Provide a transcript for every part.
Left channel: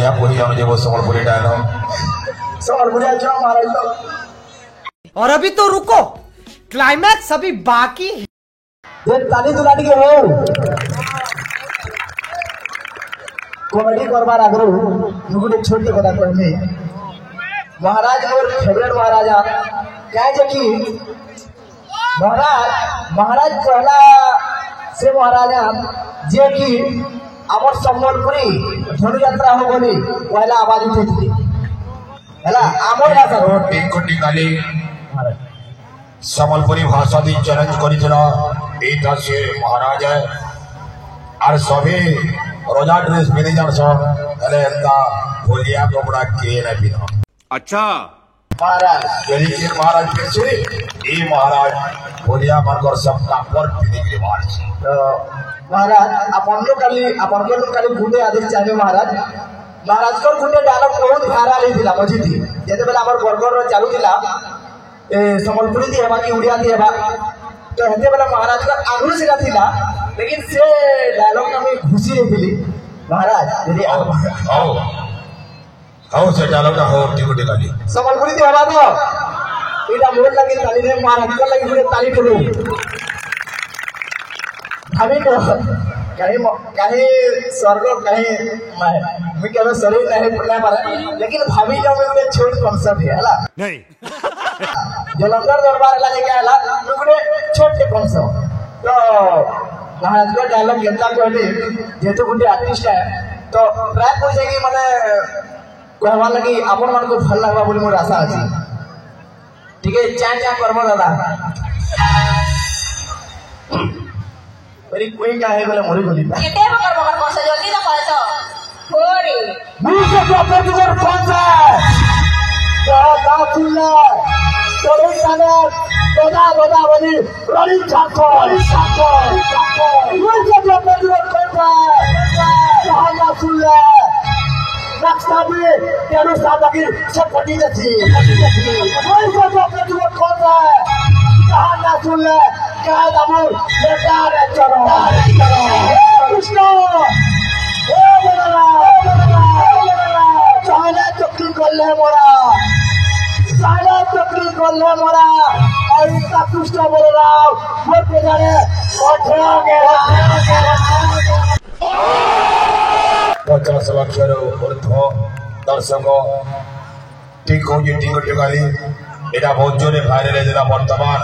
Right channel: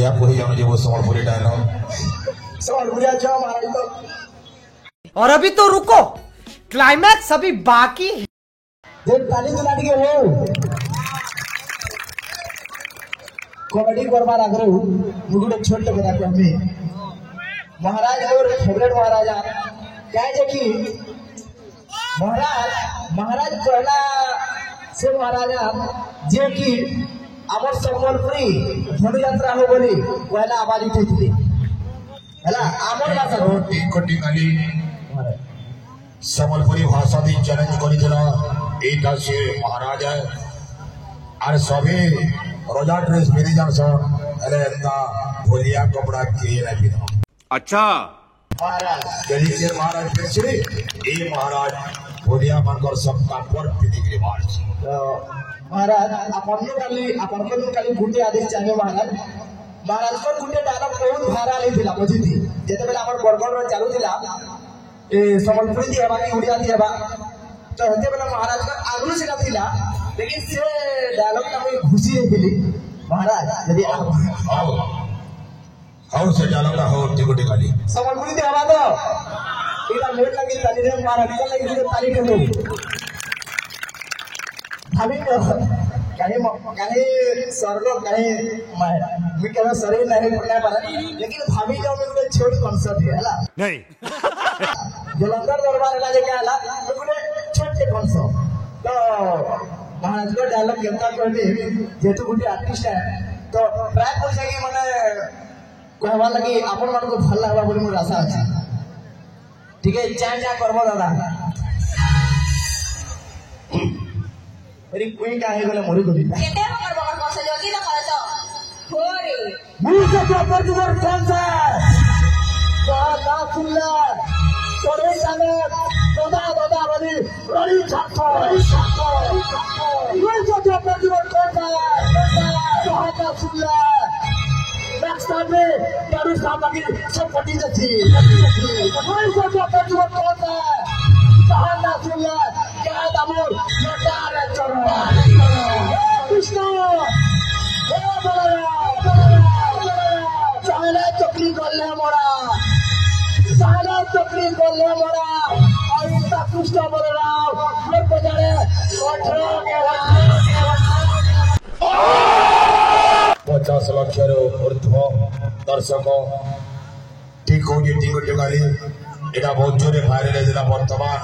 बढ़िया कोई जानो जे वो संबलपुरी डायलॉग संबलपुरी अच्छा महाराज तो। और अभी तो रुको, क्लाइमैक्स अभी बाकी है। ताली दुलाटी के हो कॉमेडी करवार आग्रह मुझे छोटे कथा कहमी महाराज मोर फेवरेट महाराजा क्या जे कि महाराज पहला से महाराजा जे कि आमर संबलपुरी धनु यात्रा हो गली पहला आवाज उठी हैला आमर यात्रा तीन कोटी गाली संबलपुरी भाषा दी चैलेंज करितला एटा से महाराज है और सभी रोजा ड्रेस पिनी जान सो अरे एंता भोलिया कपड़ा के न पिनो अच्छा महाराज यदि के महाराज के से ए महाराज भोलिया मनकर सब कापर पिनी के बात तो महाराज अपन लोग काली गुंडे आदेश चाहिए महाराज को गुंडे डायलॉग बहुत भाइराल हिला बुझी थी जेते बेला हमर बरगढ़ रो चालू थिला ए संबलपुरी दी हेबा की उड़िया दी हेबा तो हेते बेला महाराज का आगु से थिला लेकिन से डायलॉग का मैं खुशी मिली महाराज यदि आओ से डायलॉग ना हो टिकोटे गाली संबलपुरी दी हेबा तो इटा मोर लगी ताली रे महाराज को लगी पूरे ताली ठोलो हमें को कहीं स्वर्ग कहीं मैं कह शरीर नहीं पड़ना पारे लेकिन भाभी का मेरे छोट कॉन्सेप्ट है हला नहीं जलंधर दरबार हला जे कहला मेरे छोटे कॉन्सेप्ट तो महाराज को डायलॉग केतना कहली जेतु गुंडी आर्टिस्ट है तो प्राय पूछे कि माने कहवा लगी आपन मन को भल लागबा बोली मोर आशा अछि ठीक है चा करबो दादा मेरी कोई क्या है बोले मोरी बोली केते बकर बकर कौन सा जल्दी तो कर तो होरे मुझे क्या प्रतिवर कौन सा दातुल्ला तोरे साले दोदा बोली रोलिंग ठाकुर मुझे क्या प्रतिवर कौन सा दातुल्ला नक्साबी तेरू साबकी सब पटी जची मुझे क्या प्रतिवर कौन सा दातुल्ला काय दामो बेटा रे चलो कृष्ण ए बगला साले चक्री करले मोरा और इसका कृष्ण बोल रहा मोर पे जाने ओठो के 50 लाख ऊर्ध्व दर्शक ठीक हो गाली एटा बहुत जोरे भाइरल है जरा वर्तमान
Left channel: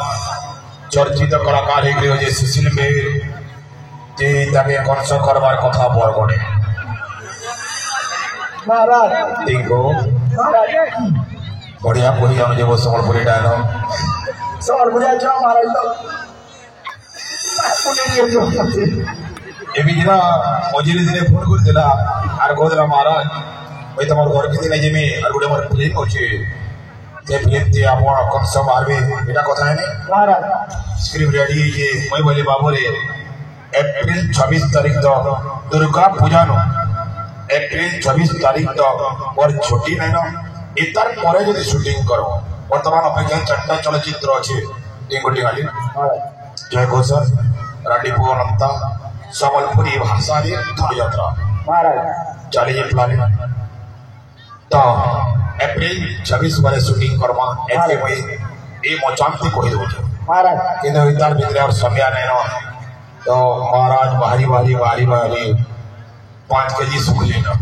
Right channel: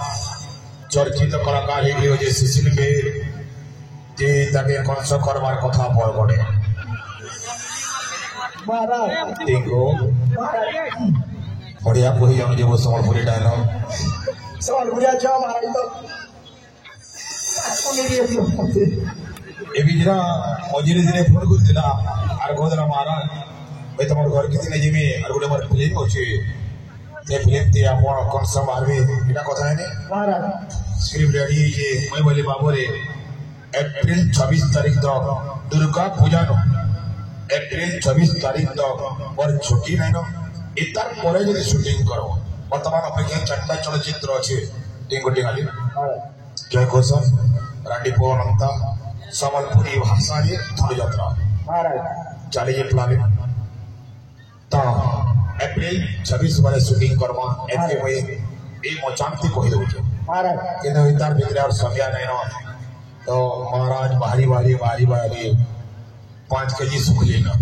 चर्चित कलाकार हे सुशील के जे तके कनसो करबार कथा बरगड़े महाराज ठीक हो बढ़िया कोई जानो जे वो संबलपुरी डायलॉग संबलपुरी अच्छा महाराज तो एबी दिना मझिरे दिने फोन कर दिला आर कहला महाराज भाई तमर घर के दिने जेमे आर गुडे मोर फिल्म होचे जे फिल्म ते आपण कनसो मारबे एटा कथा है ने महाराज स्क्रिप्ट रेडी है मैं बोली बाबू रे अप्रैल 26 तारीख तक दुर्गा पूजा नो अप्रैल 26 तारीख तक और छुट्टी नहीं नो इतर परे जो शूटिंग करो वर्तमान अपेक्षा चंदा चलचित्र अच्छे ये गोटी गाली जय घोषर राडीपो अनंता संबलपुरी भाषा रे धनु यात्रा महाराज चली प्लानिंग तो अप्रैल 26 बजे शूटिंग करमा एते कोई ए मचांती कोई दो महाराज किंतु इधर भीतर और समय नहीं ना तो महाराज भारी 5 केजी सुख लेना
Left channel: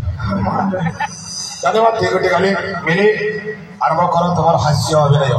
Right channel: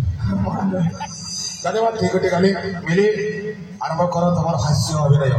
धन्यवाद ठीक है मिले आरंभ करो तुम्हारा हास्य अभिनय।